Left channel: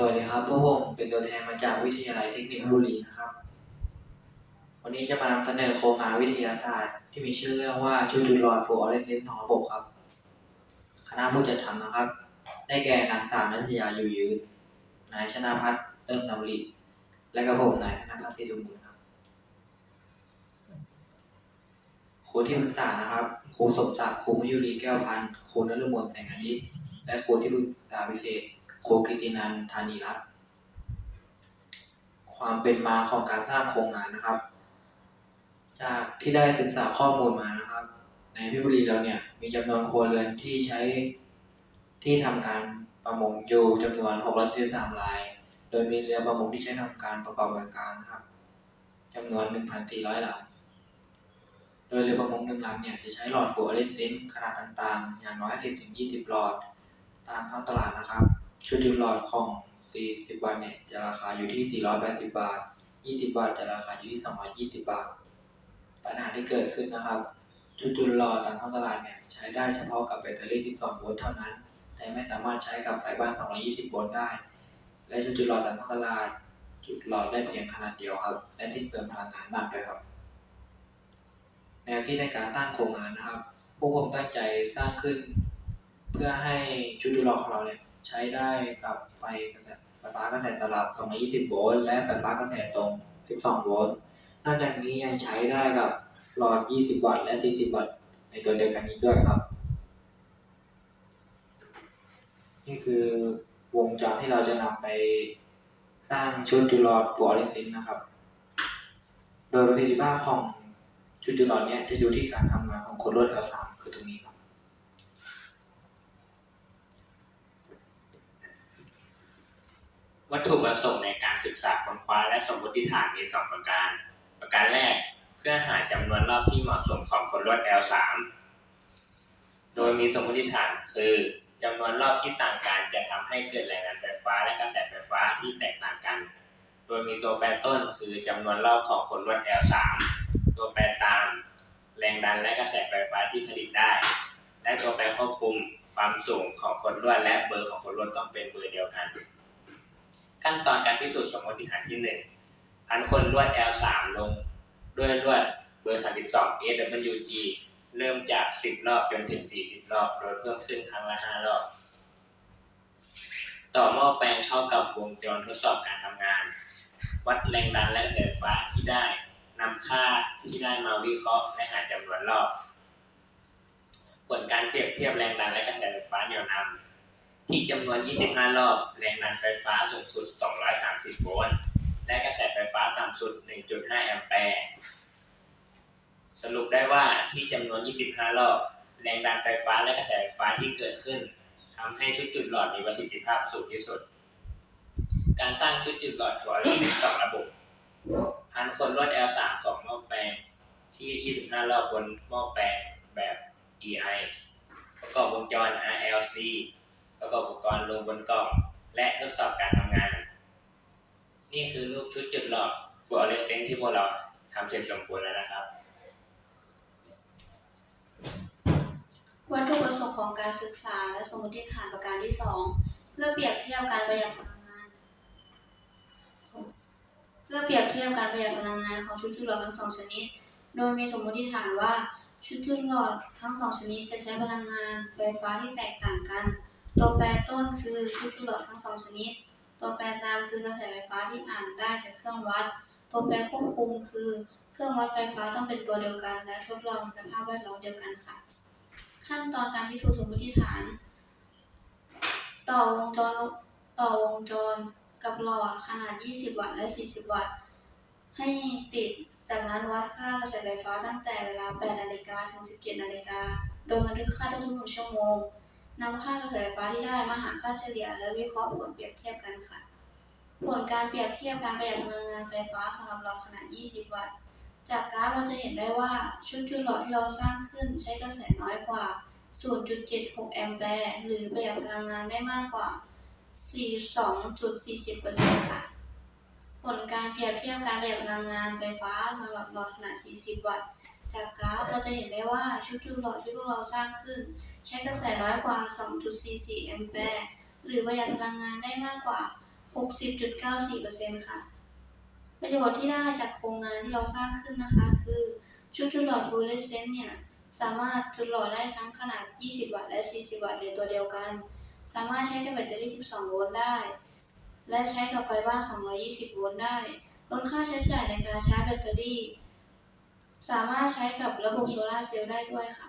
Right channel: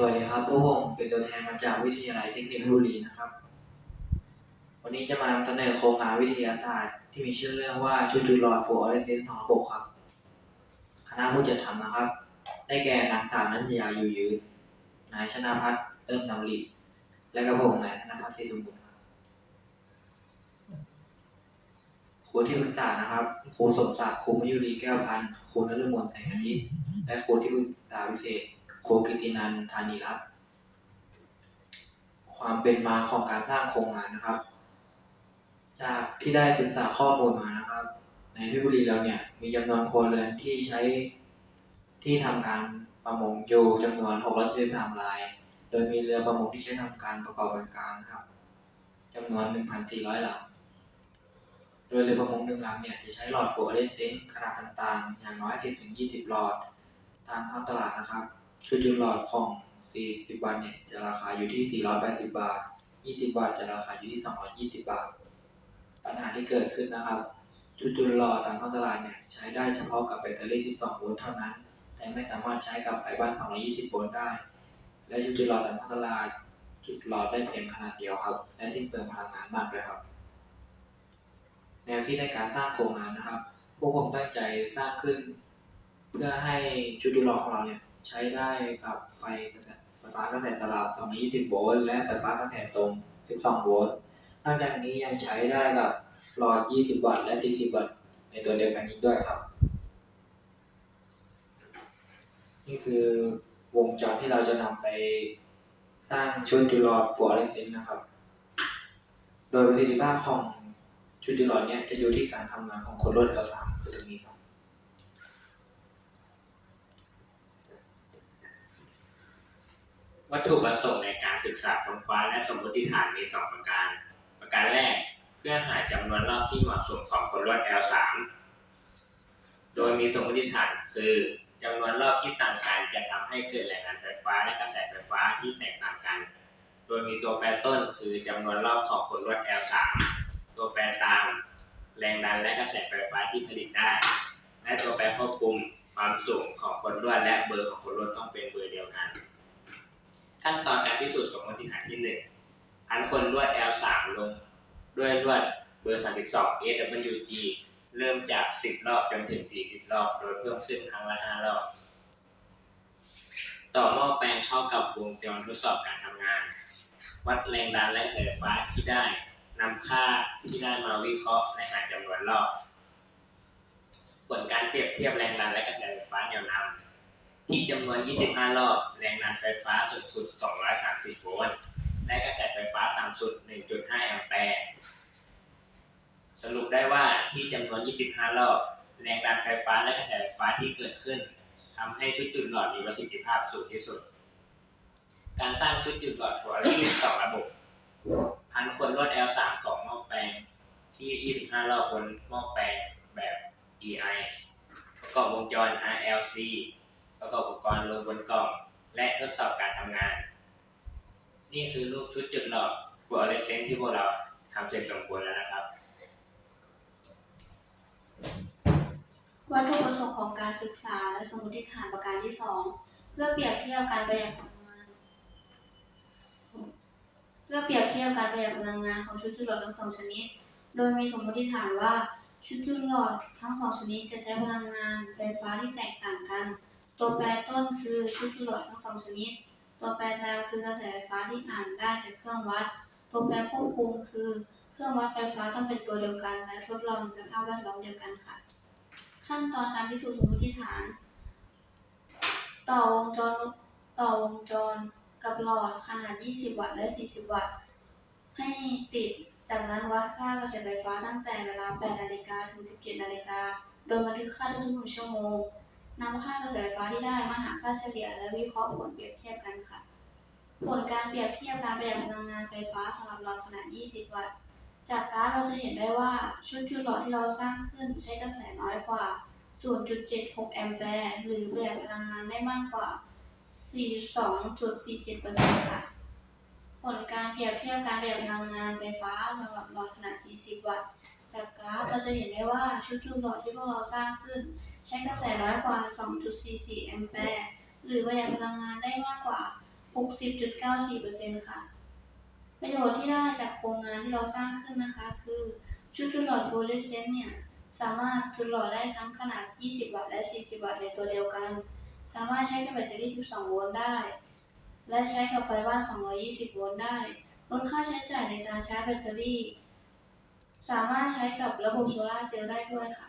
สวัสดีครับพวกผมเป็นตัวแทนมาจากวิทยาลัยเทคนิคพชรบุรีนะครับ วันนี้จะมานำเสนอโครงงานวิทยาศาสตร์ ที่มีชื่อเรื่องว่าชุดจุดหลอดฟลูออเรสเซนต์ของระบบครับ คณะผู้จัดทำนะครับ ได้แก่นางสาวนัทยาอยู่ยืน นายชนาพัฒน์เริ่มนำริและกระผมนายธนพัฒน์ศรีสมบูรณ์ครับครูที่ปรึกษานะครับครูสมศักดิ์ครูมยุรีแก้วพันธ์ครูนฤมลแสงอาทิตย์และครูที่ปรึกษาพิเศษ โคกิตินันธานีรัตน์ความเป็นมาของการสร้างโครงงานนะครับ จากที่ได้ศึกษาข้อมูลมานะครับ ในพชรบุรีเราเนี่ยมีจำนวนครัวเรือนที่ใช้ที่ทำการประมงอยู่จำนวน673ราย โดยมีเรือประมงที่ใช้ทำการประกอบการนะครับจำนวน 1,400ลำโดยเรือประมงหนึ่งลำเนี่ยจะใช้หลอดฟลูออเรสเซนต์ขนาดต่างๆ อย่างน้อย 10-20 หลอด ตามท้องตลาดนะครับ ชุดจุดหลอดของ 40 วันเนี่ย จะราคาอยู่ที่ 480 บาท 20 บาท จะราคาอยู่ที่ 220 บาท ปัญหาที่เกิดขึ้นนะครับชุดจุดหลอดตามท้องตลาดเนี่ย ใช้ได้เฉพาะกับแบตเตอรี่ 12 โวลต์เท่านั้น แต่ไม่สามารถใช้กับไฟบ้าน 220 โวลต์ได้ และชุดจุดหลอดตามท้องตลาด จุดหลอดได้เพียงขนาดเดียวครับ และสิ้นเปลืองพลังงานมากด้วยครับ แนวคิดในการตั้งโครงงานนะครับ พวกผมตั้งใจสร้างขึ้น เพื่อให้ชุดดูหลอดของเราเนี่ย ใช้ได้กับไฟกระแสไฟฟ้ากระแสสลับ 220 โวลต์ และไฟฟ้ากระแสตรง 12 โวลต์ นอกจากนี้ยังใช้ได้กับหลอด 20 วัตต์ และ 40 วัตต์ ในตัวเดียวกันอีกด้วยครับ นี่คือวงจรที่เราจะนำไปสร้างชุดจุดหลอดฟลูอเรสเซนต์นะครับ โดยประสิทธิภาพของชุดจุดหลอดเนี่ยจะอยู่ที่การทำงานของโคดลวด L3 คือตรงนี้ครับ วัต ถุประสงค์ในการศึกษาค้นคว้าและสมมติฐานมี 2 ประการ ประการแรกเพื่อหาจำนวนรอบที่เหมาะสมของคนลวด L3 โดยมีสมมติฐานคือจำนวนรอบที่ต่างกันจะทำให้เกิดแรงงานไฟฟ้าและกระแสไฟฟ้าที่แตกต่างกัน โดยมีตัวแปรต้นคือจำนวนรอบของคนลวด L3 ตัวแปรตาม แรงดันและกระแสไฟฟ้าที่ผลิตได้ และตัวแปรควบคุมความสูงของคนลวดและเบอร์ของคนลวดต้องเป็นเบอร์เดียวกัน ขั้นตอนการพิสูจน์สมมติฐานที่1พันคนลวด L3 ลงด้วยลวดเบอร์ 32 AWG เริ่มจาก 10 รอบจนถึง 40 รอบ โดยเพิ่มขึ้นครั้งละ 5 รอบ ต่อหม้อแปลงเข้ากับวงจรทดสอบการทำงาน วัดแรงดันและกระแสไฟฟ้าที่ได้นำค่าที่ได้มาวิเคราะห์และหาจำนวนรอบ ผลการเปรียบเทียบแรงดันและกระแสไฟฟ้าแนวนำ ที่จำนวน 25 รอบ แรงดันไฟฟ้าสูงสุด 230 โวลต์ และกระแสไฟฟ้าต่ำสุด 1.5 แอมแปร์ สรุปได้ว่าที่จำนวน 25 รอบ แรงดันไฟฟ้าและกระแสไฟฟ้าที่เกิดขึ้นทำให้ชุดจุดหลอดมีประสิทธิภาพสูงที่สุด การสร้างชุดจุดหลอดฟลอเรสเซนต์สองระบบพันคนลวด L3 ของหม้อแปลงที่ 25 รอบบนหม้อแปลงแบบ EI ประกอบวงจร RLC ประกอบอุปกรณ์รวมบนกล่องและทดสอบการทำงาน นี่คือรูปชุดจุดหลอดฟลูออเรสเซนต์ที่พวกเราทำเสร็จสมบูรณ์แล้วนะครับ วัตถุประสงค์ของการศึกษาและสมมติฐานประการที่ 2 เพื่อเปรียบเทียบการประหยัดพลังงาน เพื่อเปรียบเทียบการประหยัดพลังงานของชุดจุดหลอดทั้งสองชนิด โดยมีสมมติฐานว่าชุดจุดหลอดทั้งสองชนิดจะใช้พลังงานไฟฟ้าที่แตกต่างกัน ตัวแปรต้นคือชุดจุดหลอดทั้งสองชนิด ตัวแปรตามคือกระแสไฟฟ้าที่อ่านได้จากเครื่องวัด ตัวแปรควบคุมคือ เครื่องวัดไฟฟ้าต้องเป็นตัวเดียวกัน และทดลองสภาพแวดล้อมเดียวกันค่ะ ขั้นตอนการพิสูจน์สมมติฐาน ต่อวงจรต่อวงจรกับหลอดขนาด 20 วัตต์และ 40 วัตต์ ให้ติด จากนั้นวัดค่ากระแสไฟฟ้าตั้งแต่เวลา 8 นาฬิกาถึง 17 นาฬิกา โดยบันทึกค่าทุกๆหนึ่งชั่วโมง นำค่ากระแสไฟฟ้าที่ได้มาหาค่าเฉลี่ย และวิเคราะห์ผลเปรียบเทียบกันค่ะ ผลการเปรียบเทียบการประหยัดพลังงานไฟฟ้าสำหรับหลอดขนาด 20 วัตต์ จากกราฟเราจะเห็นได้ว่าชุดจุดหลอดที่เราสร้างขึ้นใช้กระแสน้อยกว่า 0.76 แอมแปร์ หรือประหยัดพลังงานได้มากกว่า 42.47%ค่ะ ผลการเปรียบเทียบการประหยัดพลังงานไฟฟ้าสำหรับหลอดขนาด 40 วัตต์ จากกราฟเราจะเห็นได้ว่าชุดจุดหลอดที่พวกเราสร้างขึ้น ใช้กระแสน้อยกว่า 2.44 แอมแปร์ หรือประหยัดพลังงานได้มากกว่า 60.94%ค่ะ ประโยชน์ที่ได้จากโครงงานที่เราสร้างขึ้นนะคะ คือชุดจุดหลอดฟลูออเรสเซนต์เนี่ยสามารถจุดหลอดได้ทั้งขนาด 20 วัตต์และ 40 วัตต์ในตัวเดียวกัน สามารถใช้กับแบตเตอรี่ 12 โวลต์ได้ และใช้กับไฟบ้าน 220 โวลต์ได้ ลดค่าใช้จ่ายในการชาร์จแบตเตอรี่ สามารถใช้กับระบบโซลาร์เซลล์ได้ด้วยค่ะ